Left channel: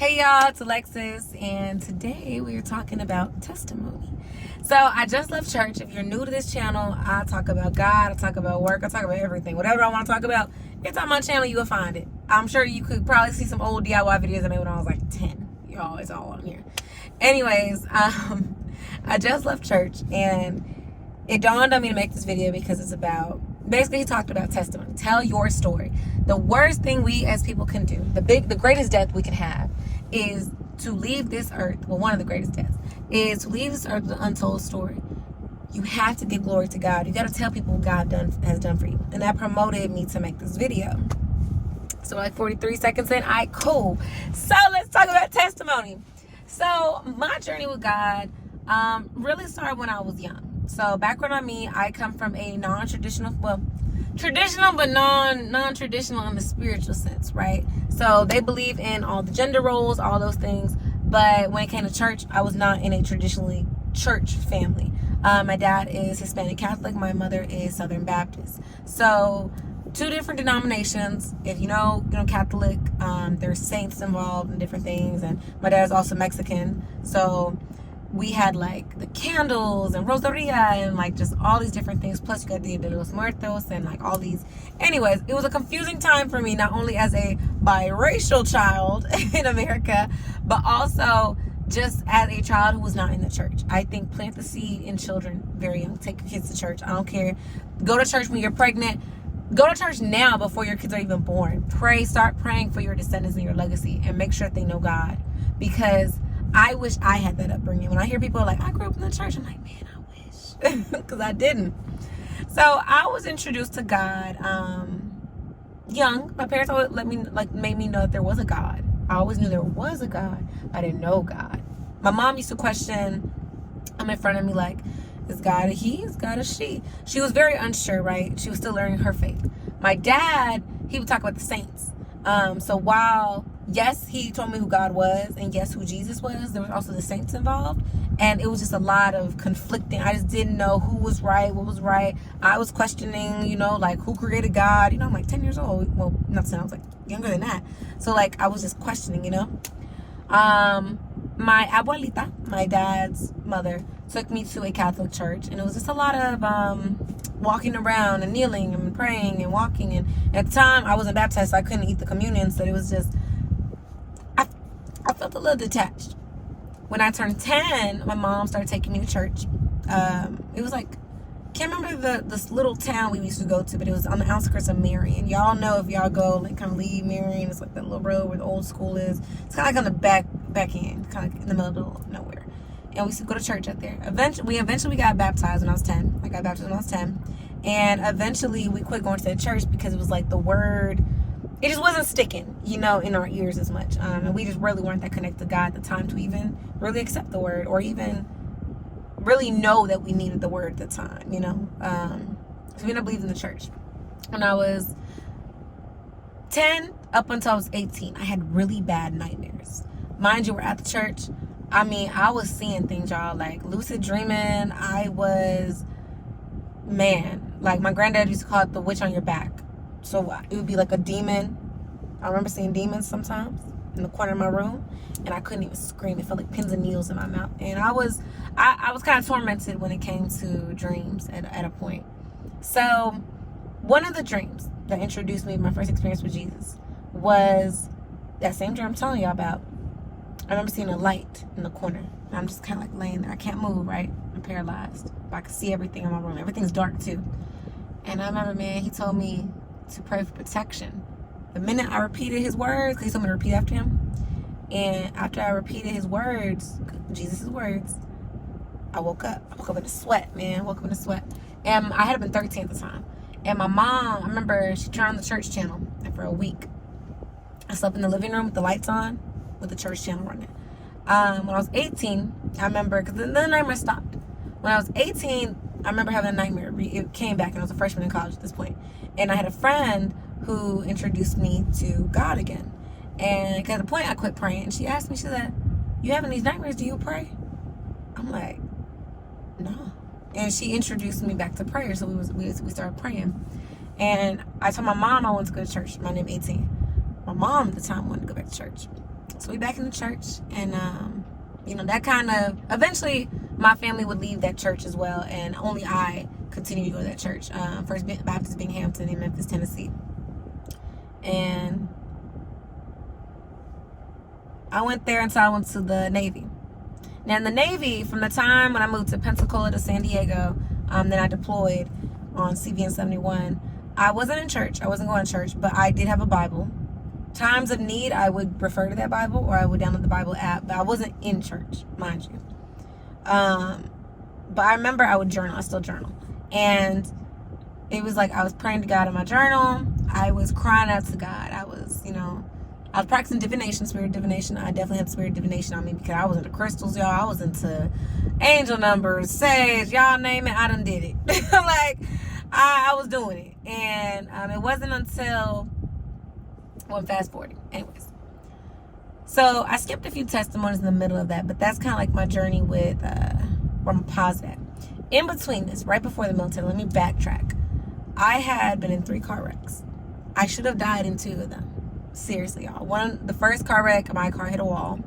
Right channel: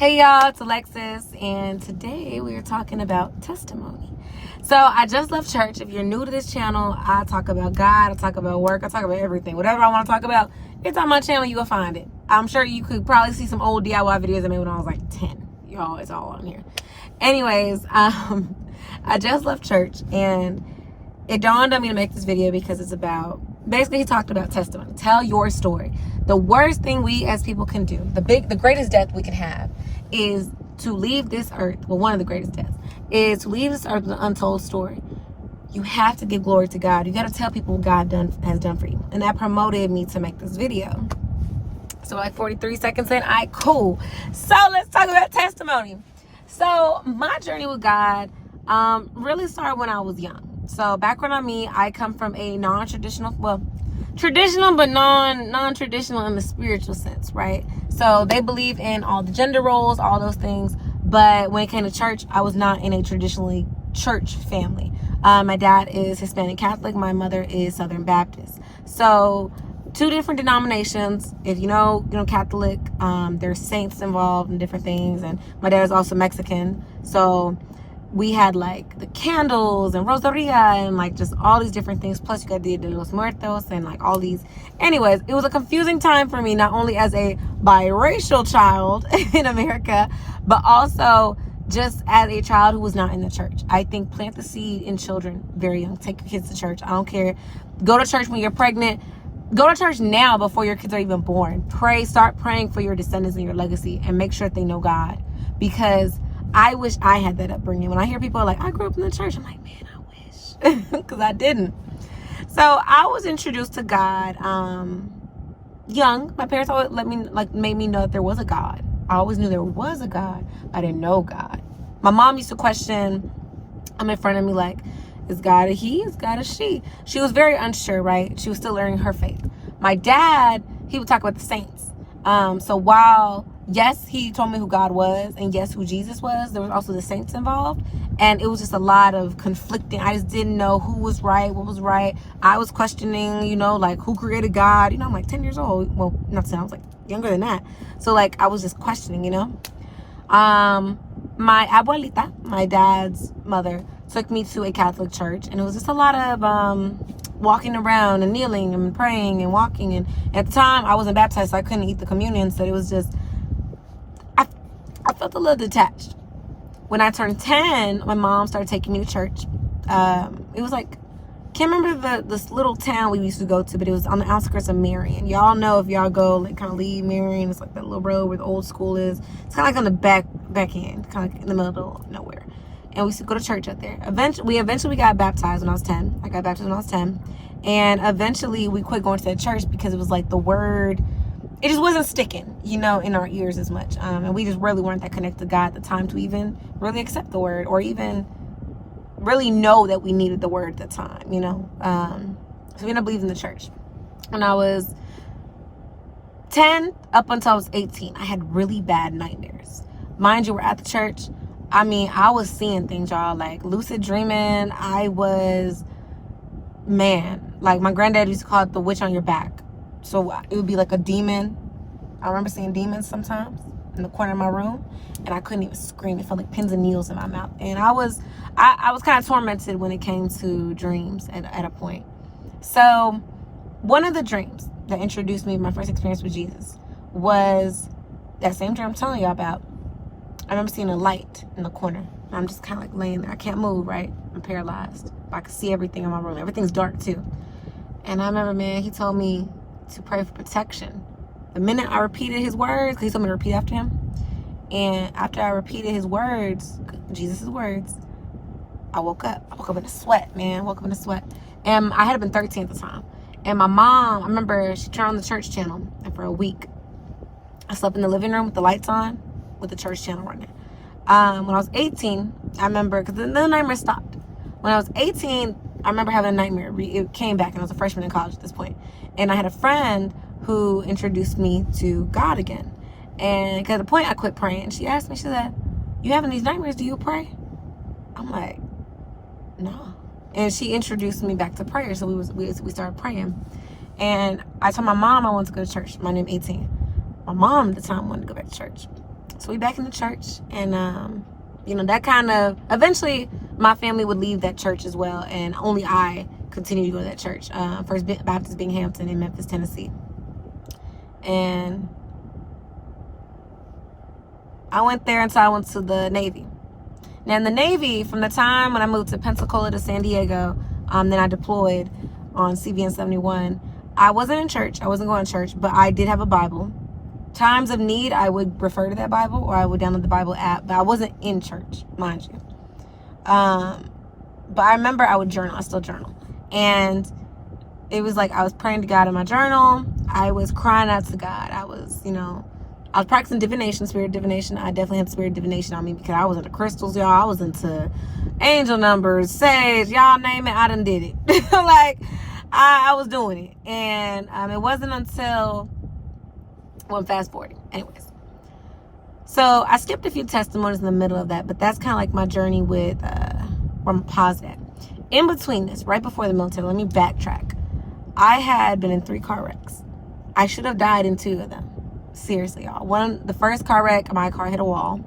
Hey y'all, it's Alexis, and today we are talking about testimony. So I just left church. If you're new to this channel, I talk about God, I talk about work, I talk about everything. Whatever I want to talk about, it's on my channel, you will find it. I'm sure you could probably see some old DIY videos I made when I was like 10. Y'all, it's all on here. Anyways, I just left church, and it dawned on me to make this video because it's about, basically he talked about testimony. Tell your story. The worst thing we as people can do, the greatest death we can have, is to leave this earth, well, one of the greatest deaths, is to leave this earth with an untold story. You have to give glory to God. You got to tell people what God has done for you. And that promoted me to make this video. So like 43 seconds in, all right, cool. So let's talk about testimony. So my journey with God really started when I was young. So background on me, I come from a non-traditional, well, traditional but non-traditional in the spiritual sense, right? So they believe in all the gender roles, all those things. But when it came to church, I was not in a traditionally church family. My dad is Hispanic Catholic. My mother is Southern Baptist. So two different denominations. If you know Catholic, there's saints involved and different things. And my dad is also Mexican. So we had like the candles and Rosaria and like just all these different things. Plus you got Dia de los Muertos and like all these. Anyways, it was a confusing time for me, not only as a biracial child in America, but also just as a child who was not in the church. I think plant the seed in children very young. Take your kids to church. I don't care. Go to church when you're pregnant. Go to church now before your kids are even born. Pray, start praying for your descendants and your legacy, and make sure that they know God. Because I wish I had that upbringing. When I hear people like, I grew up in the church, I'm like, man, I wish. Because I didn't. So I was introduced to God young. My parents always made me know that there was a God. I always knew there was a God, but I didn't know God. My mom used to question, in front of me like, is God a he? Is God a she? She was very unsure, right? She was still learning her faith. My dad, he would talk about the saints. So while, yes, he told me who God was, and yes, who Jesus was, there was also the saints involved. And it was just a lot of conflicting. I just didn't know who was right, what was right. I was questioning, like who created God? I'm like 10 years old. Well, not 10, I was like younger than that. So like I was just questioning, My abuelita, my dad's mother, took me to a Catholic church, and it was just a lot of walking around and kneeling and praying and walking. And at the time I wasn't baptized, so I couldn't eat the communion. So it was just, I felt a little detached. When I turned 10, my mom started taking me to church. It was like, can't remember this little town we used to go to, but it was on the outskirts of Marion. Y'all know, if y'all go, like, kind of leave Marion, it's like that little road where the old school is. It's kind of like on the back end, kind of like in the middle of nowhere. And we used to go to church out there. Eventually we got baptized when I was 10. I got baptized when I was 10. And eventually we quit going to that church because it was like the word, it just wasn't sticking, in our ears as much. And we just really weren't that connected to God at the time to even really accept the word or even really know that we needed the word at the time, So we ended up leaving the church. When I was 10 up until I was 18, I had really bad nightmares. Mind you, we're at the church. I was seeing things, y'all, like lucid dreaming. I was, like my granddad used to call it the witch on your back. So it would be like a demon. I remember seeing demons sometimes in the corner of my room, and I couldn't even scream. It felt like pins and needles in my mouth. And I was kind of tormented when it came to dreams at a point. So one of the dreams that introduced me to my first experience with Jesus was that same dream I'm telling y'all about. I remember seeing a light in the corner. I'm just kind of like laying there. I can't move, right? I'm paralyzed. But I can see everything in my room. Everything's dark too. And I remember, he told me to pray for protection. The minute I repeated his words, because he told me to repeat after him, and after I repeated his words, Jesus' words, I woke up. I woke up in a sweat, man. Woke up in a sweat. And I had been 13 at the time. And my mom, I remember she turned on the church channel, and for a week, I slept in the living room with the lights on, with the church channel running. When I was 18, I remember, because the nightmare stopped. When I was 18, I remember having a nightmare. It came back, and I was a freshman in college at this point. And I had a friend who introduced me to God again. And at the point, I quit praying. She asked me, she said, you having these nightmares, do you pray? I'm like, no. And she introduced me back to prayer. So we started praying. And I told my mom I wanted to go to church. My name 18. My mom at the time wanted to go back to church. So we back in the church, and that kind of, eventually my family would leave that church as well, and only I continued to go to that church, First Baptist Binghamton in Memphis, Tennessee. And I went there until I went to the Navy. Now in the Navy, from the time when I moved to Pensacola to San Diego, then I deployed on CVN 71. I wasn't in church. I wasn't going to church, but I did have a Bible. Times of need, I would refer to that Bible, or I would download the Bible app, but I wasn't in church, mind you. But I remember I would journal. I still journal. And it was like I was praying to God in my journal. I was crying out to God. I was practicing divination, spirit divination. I definitely had spirit divination on me because I was into crystals, y'all. I was into angel numbers, sage, y'all name it. I done did it. Like, I was doing it. And it wasn't until, well, fast forwarding. Anyways. So I skipped a few testimonies in the middle of that, but that's kind of like my journey with, where I'm positive. In between this, right before the military, let me backtrack. I had been in 3 car wrecks. I should have died in 2 of them. Seriously, y'all. The first car wreck, my car hit a wall.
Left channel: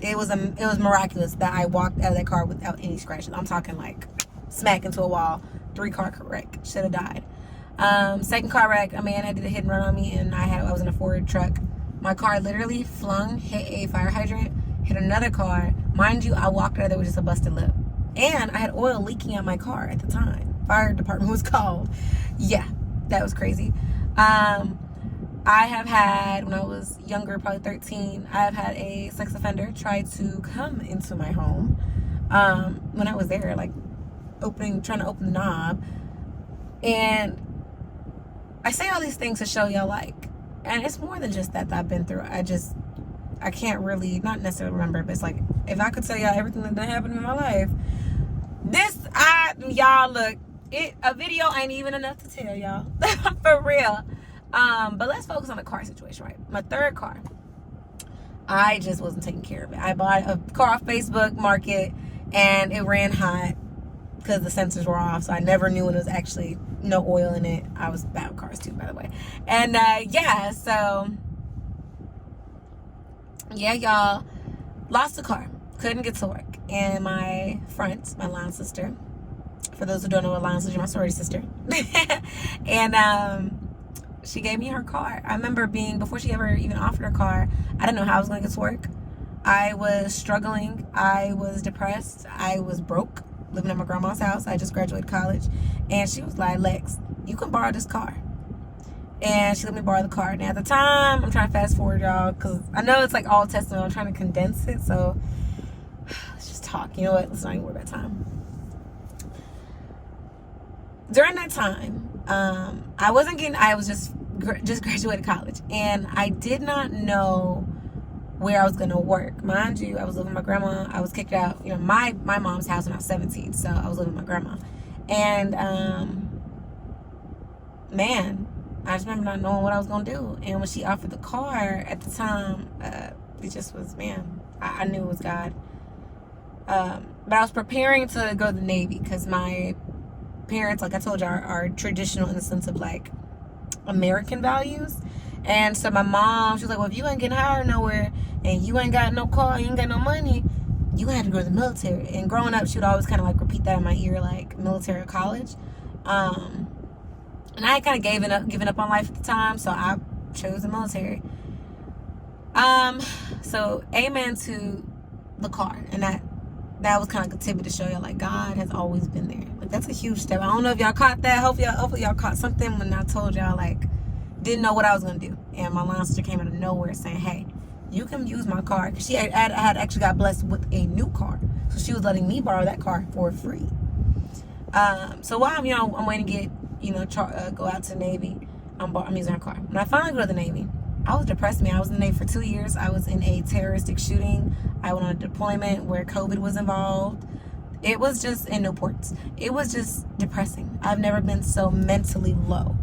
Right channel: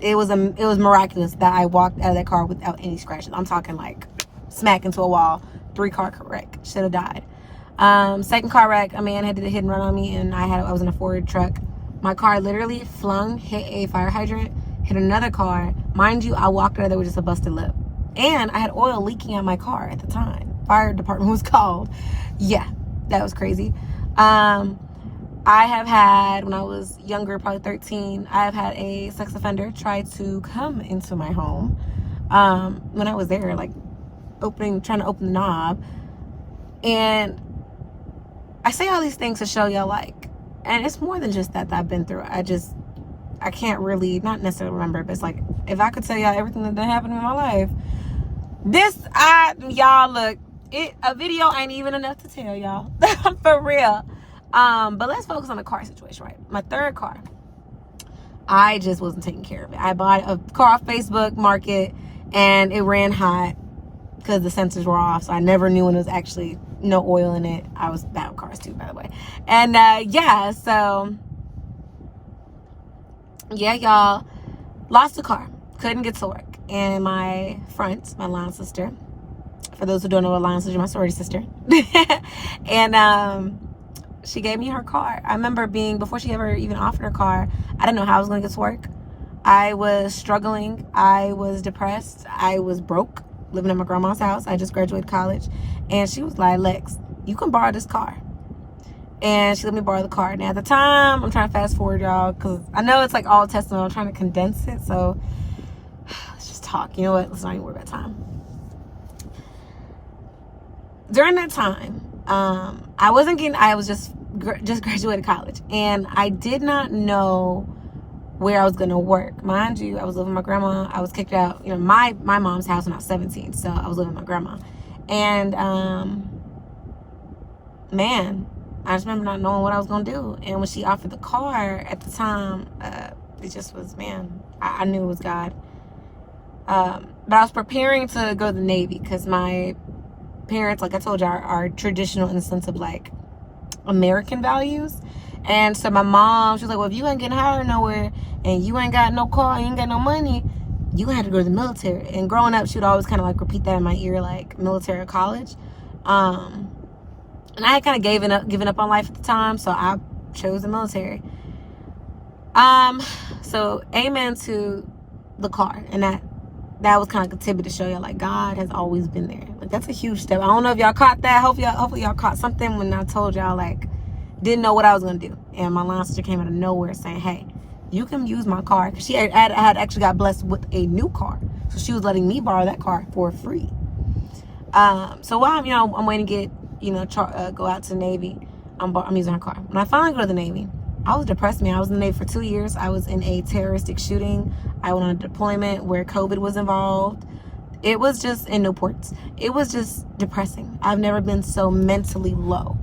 It was miraculous that I walked out of that car without any scratches. I'm talking like smack into a wall. 3-car wreck. Should have died. Second car wreck, a man had to hit and run on me, and I was in a Ford truck. My car literally hit a fire hydrant, hit another car. Mind you, I walked out of there with just a busted lip. And I had oil leaking out my car at the time. Fire department was called. Yeah, that was crazy. I have had, when I was younger, probably 13, I have had a sex offender try to come into my home. When I was there, like, trying to open the knob. And I say all these things to show y'all, like, and it's more than just that I've been through. I can't really, not necessarily remember, but it's like, if I could tell y'all everything that happened in my life, y'all, look, a video ain't even enough to tell y'all. For real. But let's focus on the car situation, right? My 3rd car, I just wasn't taking care of it. I bought a car off Facebook Market, and it ran hot because the sensors were off, so I never knew when it was actually no oil in it. I was bad with cars too, by the way. And y'all, lost the car, couldn't get to work. And my line sister, for those who don't know what line sister, my sorority sister, and she gave me her car. I remember before she ever even offered her car, I didn't know how I was going to get to work. I was struggling. I was depressed. I was broke, living at my grandma's house. I just graduated college. And she was like, Lex, you can borrow this car. And she let me borrow the car. Now, at the time, I'm trying to fast forward, y'all, because I know it's like all testimony. I'm trying to condense it. So let's just talk. You know what? Let's not even worry about time. During that time, I was just graduated college, and I did not know where I was going to work. Mind you, I was living with my grandma. I was kicked out, my mom's house when I was 17, so I was living with my grandma. And, man, I just remember not knowing what I was going to do. And when she offered the car at the time, it just was, man, I knew it was God. But I was preparing to go to the Navy because my parents, like I told you, are traditional in the sense of like American values. And so my mom, she was like, well, if you ain't getting hired nowhere and you ain't got no car, you ain't got no money, you gonna have to go to the military. And growing up, she would always kind of like repeat that in my ear, like military or college. And I had kind of given up on life at the time, so I chose the military. So amen to the car. And that was kind of like a tidbit to show y'all, like, God has always been there. Like, that's a huge step. I don't know if y'all caught that. Hopefully y'all caught something when I told y'all, like, didn't know what I was going to do. And my line sister came out of nowhere saying, hey, you can use my car. Because she had actually got blessed with a new car. So she was letting me borrow that car for free. So while I'm waiting to get, go out to the Navy, I'm using her car. When I finally go to the Navy, I was depressed, man. I was in the Navy for 2 years. I was in a terroristic shooting. I went on a deployment where COVID was involved. It was just in Newports. It was just depressing. I've never been so mentally low.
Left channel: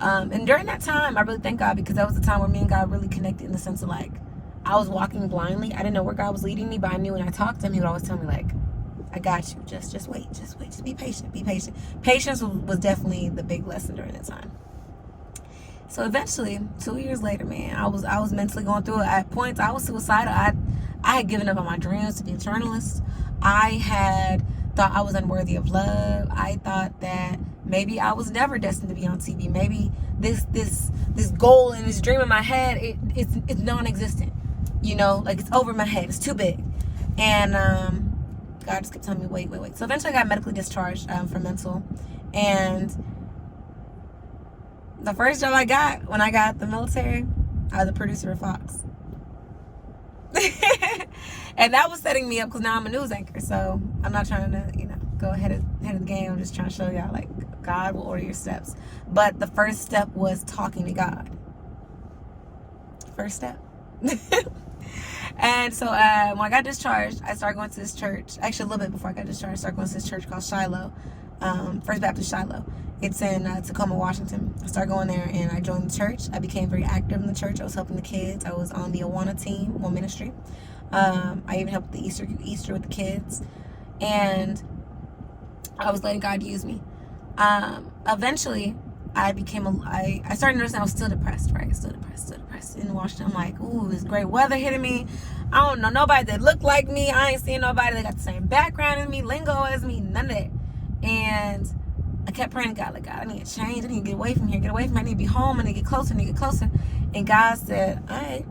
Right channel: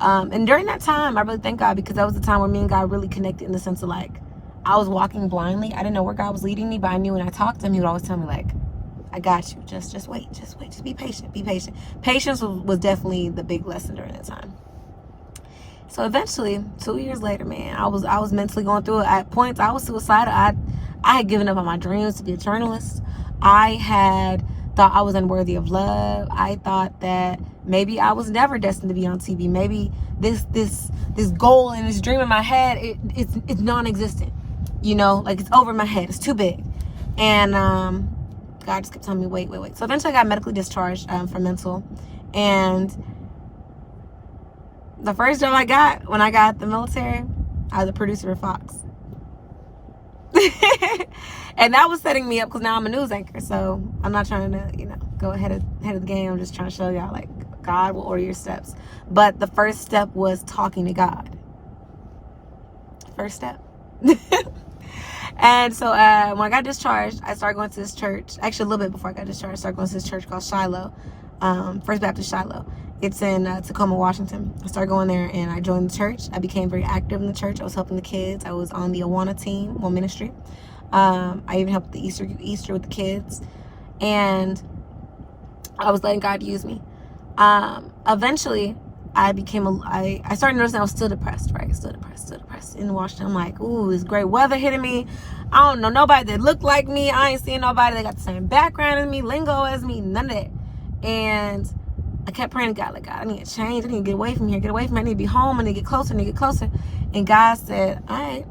And during that time, I really thank God, because that was the time where me and God really connected, in the sense of like, I was walking blindly. I didn't know where God was leading me, but I knew when I talked to him, he would always tell me, like, I got you. Just wait. Just be patient. Be patient. Patience was definitely the big lesson during that time. So eventually, 2 years later, man, I was mentally going through it. At points, I was suicidal. I had given up on my dreams to be a journalist. I had thought I was unworthy of love. I thought that maybe I was never destined to be on TV. Maybe this goal and this dream in my head, it's non-existent. You know, like it's over my head. It's too big. And God just kept telling me, wait. So eventually I got medically discharged from mental. And the first job I got when I got out the military, I was a producer of Fox. And that was setting me up because now I'm a news anchor. So I'm not trying to, go ahead of the game. I'm just trying to show y'all, like, God will order your steps. But the first step was talking to God. First step. And so when I got discharged, I started going to this church. Actually, a little bit before I got discharged, I started going to this church called Shiloh, First Baptist Shiloh. It's in Tacoma, Washington. I started going there, and I joined the church. I became very active in the church. I was helping the kids. I was on the Awana team, one ministry. I even helped the Easter with the kids. And I was letting God use me. Eventually, I started noticing I was still depressed, right? Still depressed in Washington. I'm like, ooh, this great weather hitting me. I don't know nobody that looked like me. I ain't seeing nobody that got the same background as me, lingo as me, none of that. And I kept praying to God, like, God, I need to change. I need to get away from here, I need to be home. I need to get closer, And God said, all right,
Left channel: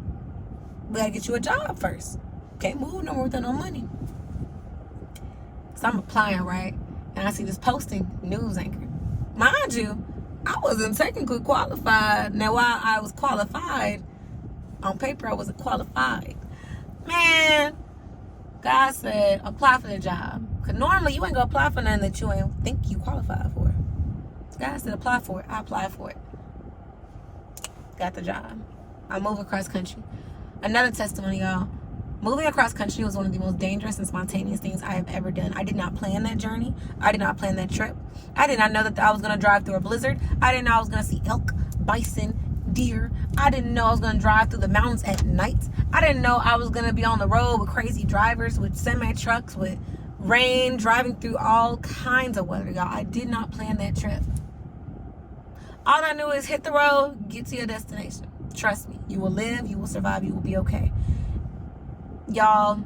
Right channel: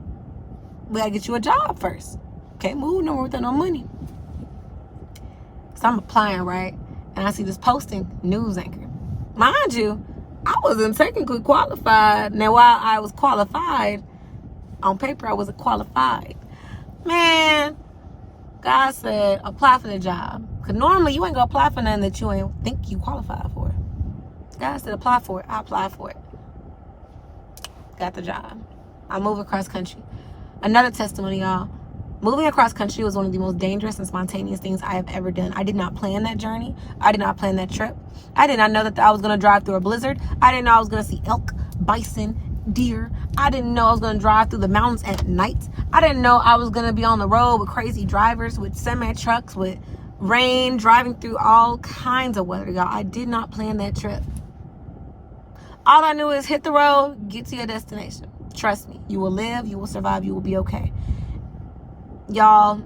we gotta get you a job first. Can't move nowhere without no money. So I'm applying, right? And I see this posting, news anchor. Mind you, I wasn't technically qualified. Now, while I was qualified, on paper I wasn't qualified. Man, God said, apply for the job. Because normally you ain't going to apply for nothing that you ain't think you qualified for. God said, apply for it. I applied for it. Got the job. I moved across country. Another testimony, y'all. Moving across country was one of the most dangerous and spontaneous things I have ever done. I did not plan that journey. I did not plan that trip. I did not know that I was going to drive through a blizzard. I didn't know I was going to see elk, bison, deer. I didn't know I was going to drive through the mountains at night. I didn't know I was going to be on the road with crazy drivers, with semi-trucks, with rain, driving through all kinds of weather, y'all. I did not plan that trip. All I knew is hit the road, get to your destination. Trust me, you will live, you will survive, you will be okay. Y'all,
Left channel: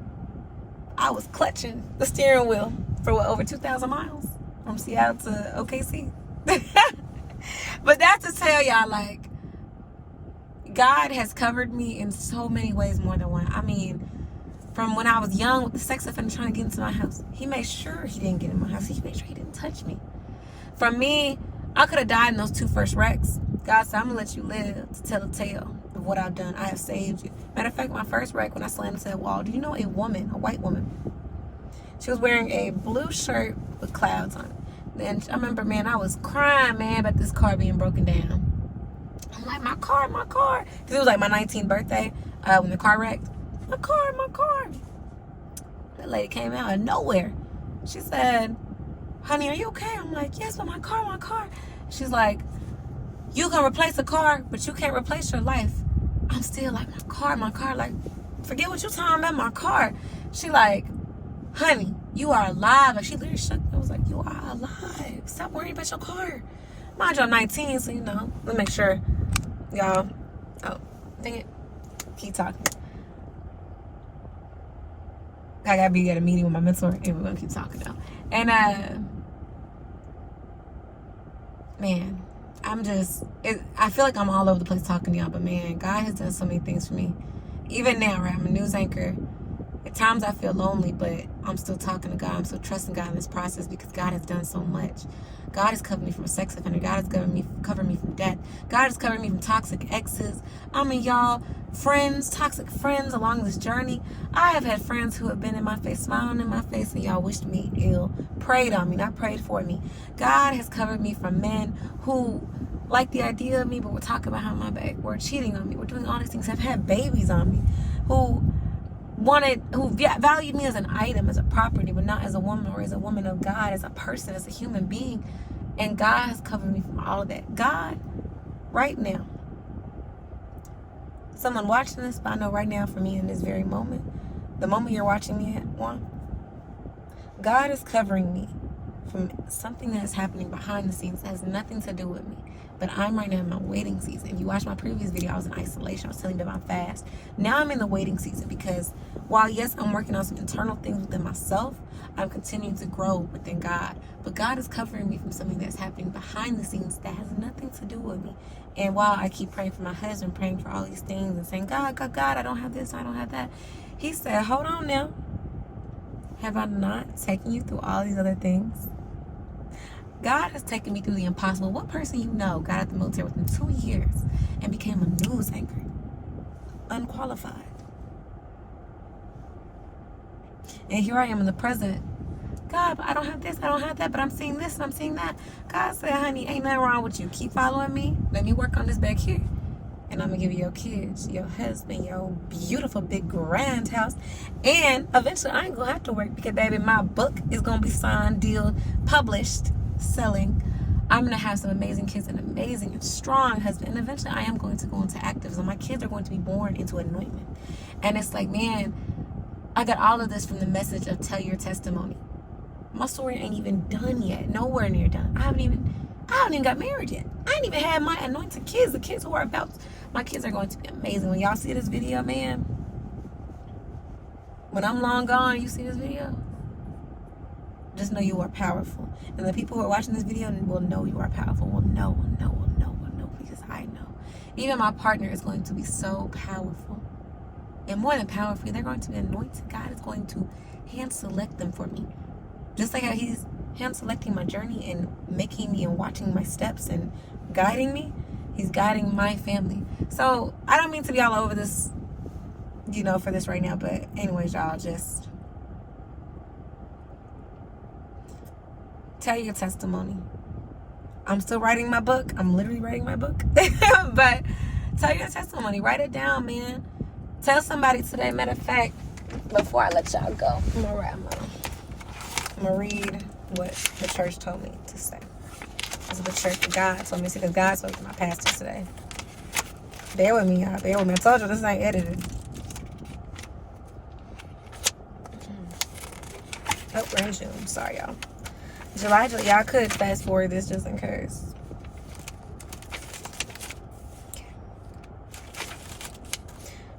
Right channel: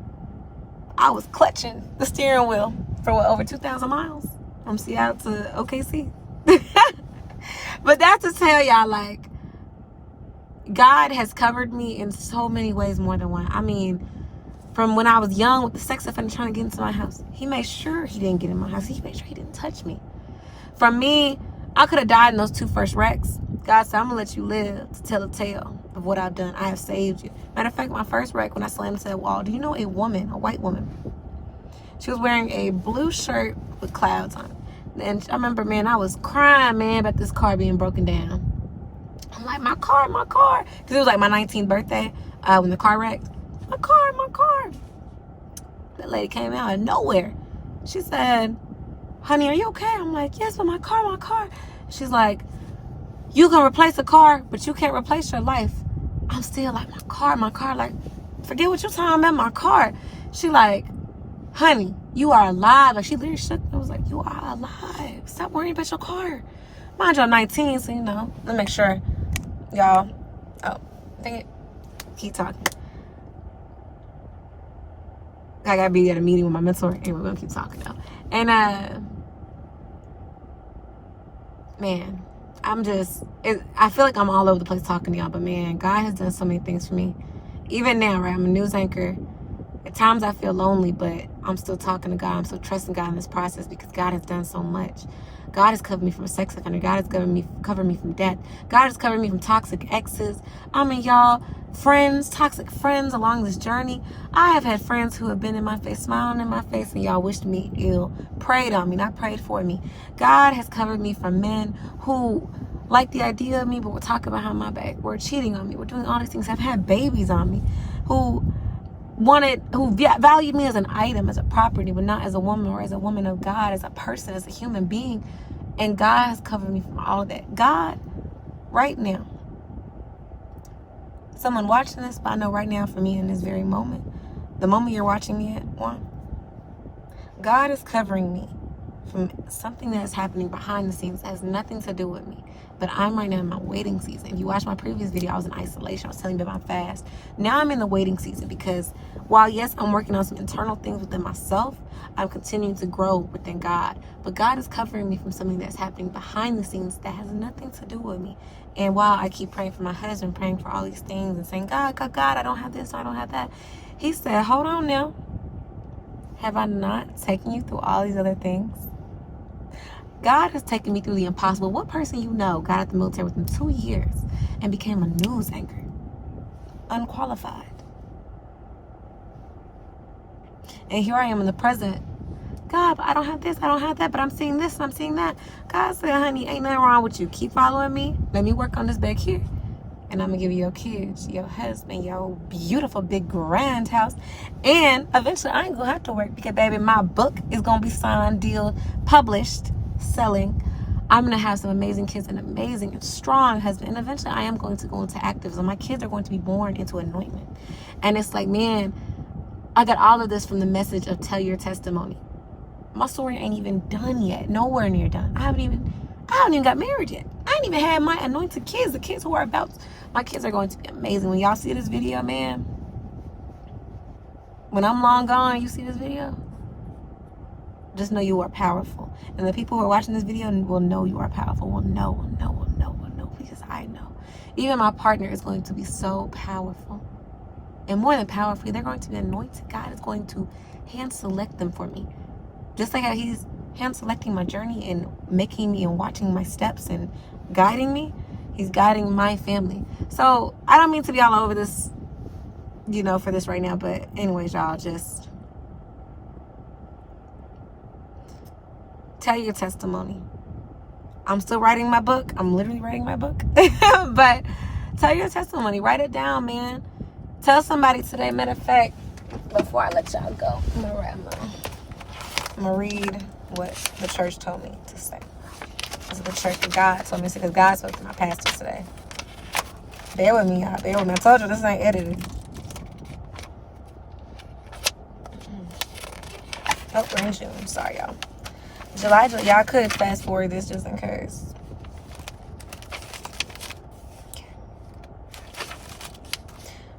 I was clutching the steering wheel for over 2,000 miles from Seattle to OKC. But that's to tell y'all, like, God has covered me in so many ways, more than one. I mean, from when I was young with the sex offender trying to get into my house, he made sure he didn't get in my house. He made sure he didn't touch me. From me, I could have died in those 2 first wrecks. God said, I'm going to let you live to tell a tale of what I've done. I have saved you. Matter of fact, my first wreck, when I slammed into that wall, do you know a white woman? She was wearing a blue shirt with clouds on it. And I remember, man, I was crying, man, about this car being broken down. I'm like, my car. Because it was like my 19th birthday when the car wrecked. My car. That lady came out of nowhere. She said, honey, are you okay? I'm like, yes, but my car. She's like, you can replace a car, but you can't replace your life. I'm still like, my car. Like, forget what you're talking about, my car. She like, honey, you are alive. Like, she literally shook. I was like, you are alive. Stop worrying about your car. Mind you, I'm 19, so, let me make sure. Y'all. Oh, dang it. Keep talking. I gotta be at a meeting with my mentor, and we're gonna keep talking now. And, man, I feel like I'm all over the place talking to y'all, but man, God has done so many things for me. Even now, right, I'm a news anchor. At times I feel lonely, but I'm still talking to God. I'm still trusting God in this process because God has done so much. God has covered me from a sex offender. God has covered me from death. God has covered me from toxic exes. I mean, y'all, toxic friends along this journey. I have had friends who have been in my face, smiling in my face, and y'all wished me ill, prayed on me, not prayed for me. God has covered me from men who like the idea of me, but were talking behind my back, were cheating on me, were doing all these things. I've had babies on me who valued me as an item, as a property, but not as a woman or as a woman of God, as a person, as a human being. And God has covered me from all of that. God, right now, someone watching this, but I know right now for me in this very moment, the moment you're watching me at, God is covering me from something that's happening behind the scenes that has nothing to do with me. But I'm right now in my waiting season. If you watched my previous video, I was in isolation. I was telling you about my fast. Now I'm in the waiting season because while, yes, I'm working on some internal things within myself, I'm continuing to grow within God. But God is covering me from something that's happening behind the scenes that has nothing to do with me. And while I keep praying for my husband, praying for all these things and saying, God, I don't have this, I don't have that. He said, hold on now. Have I not taken you through all these other things? God has taken me through the impossible. What person you know got out of the military within 2 years and became a news anchor? Unqualified. And here I am in the present. God, but I don't have this, I don't have that, but I'm seeing this and I'm seeing that. God said, honey, ain't nothing wrong with you. Keep following me. Let me work on this back here. And I'm going to give you your kids, your husband, your beautiful big grand house. And eventually I ain't going to have to work because, baby, my book is going to be signed, deal, published, selling. I'm going to have some amazing kids, an amazing and strong husband. And eventually I am going to go into activism. My kids are going to be born into anointment. And it's like, man, I got all of this from the message of tell your testimony. My story ain't even done yet. Nowhere near done. I haven't even got married yet. I ain't even had my anointed kids. The kids who are about, my kids are going to be amazing. When y'all see this video, man, when I'm long gone, you see this video, just know you are powerful. And the people who are watching this video will know you are powerful. Will know, because I know. Even my partner is going to be so powerful. And more than powerful, they're going to be anointed. God is going to hand select them for me. Just like how he's hand selecting my journey and making me and watching my steps and guiding me, he's guiding my family. So I don't mean to be all over this, for this right now. But anyways, y'all, just tell your testimony. I'm still writing my book. I'm literally writing my book. But tell your testimony. Write it down, man. Tell somebody today. Matter of fact, before I let y'all go, I'm gonna read what the church told me to say. This is the church that God told me to say, because God spoke to my pastor today. Bear with me, y'all. Bear with me. I told you this ain't edited. Oh, we're in June. Sorry, y'all. July, y'all could fast forward this just in case. Okay.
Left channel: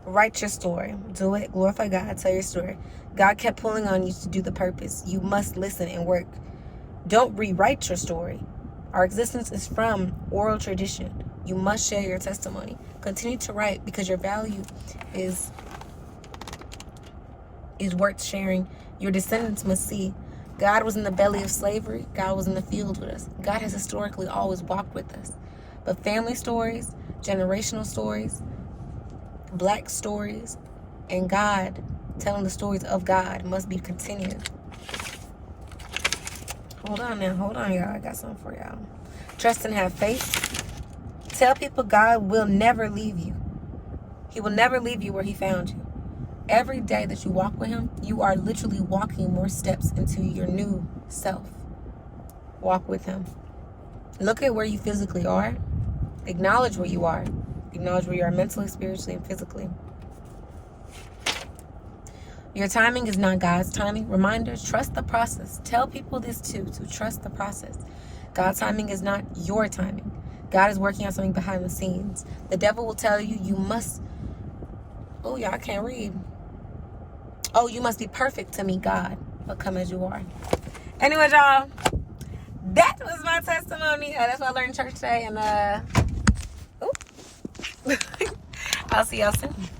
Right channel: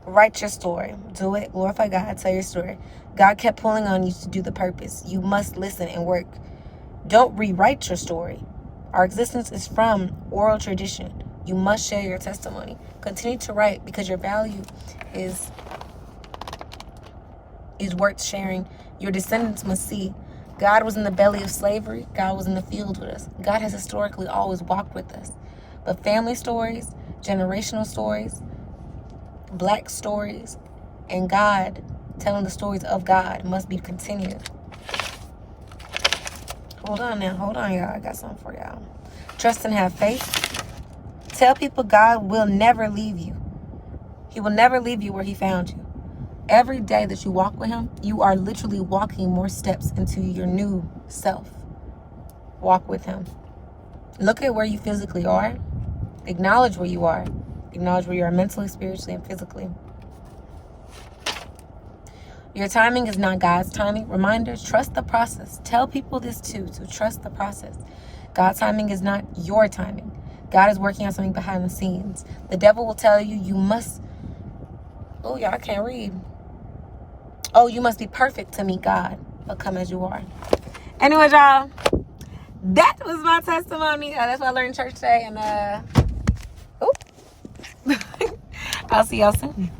Write your story. Do it. Glorify God. Tell your story. God kept pulling on you to do the purpose. You must listen and work. Don't rewrite your story. Our existence is from oral tradition. You must share your testimony. Continue to write because your value is worth sharing. Your descendants must see. God was in the belly of slavery. God was in the field with us. God has historically always walked with us. But family stories, generational stories, black stories, and God telling the stories of God must be continued. Hold on, y'all. I got something for y'all. Trust and have faith. Tell people God will never leave you. He will never leave you where he found you. Every day that you walk with him, you are literally walking more steps into your new self. Walk with him. Look at where you physically are. Acknowledge where you are. Acknowledge where you are mentally, spiritually, and physically. Your timing is not God's timing. Reminder, trust the process. Tell people this too, to trust the process. God's timing is not your timing. God is working on something behind the scenes. The devil will tell you, you must, oh, y'all can't read. Oh, you must be perfect to meet God, but come as you are. Anyways, y'all, that was my testimony. That's what I learned in church today. And, I'll see y'all soon.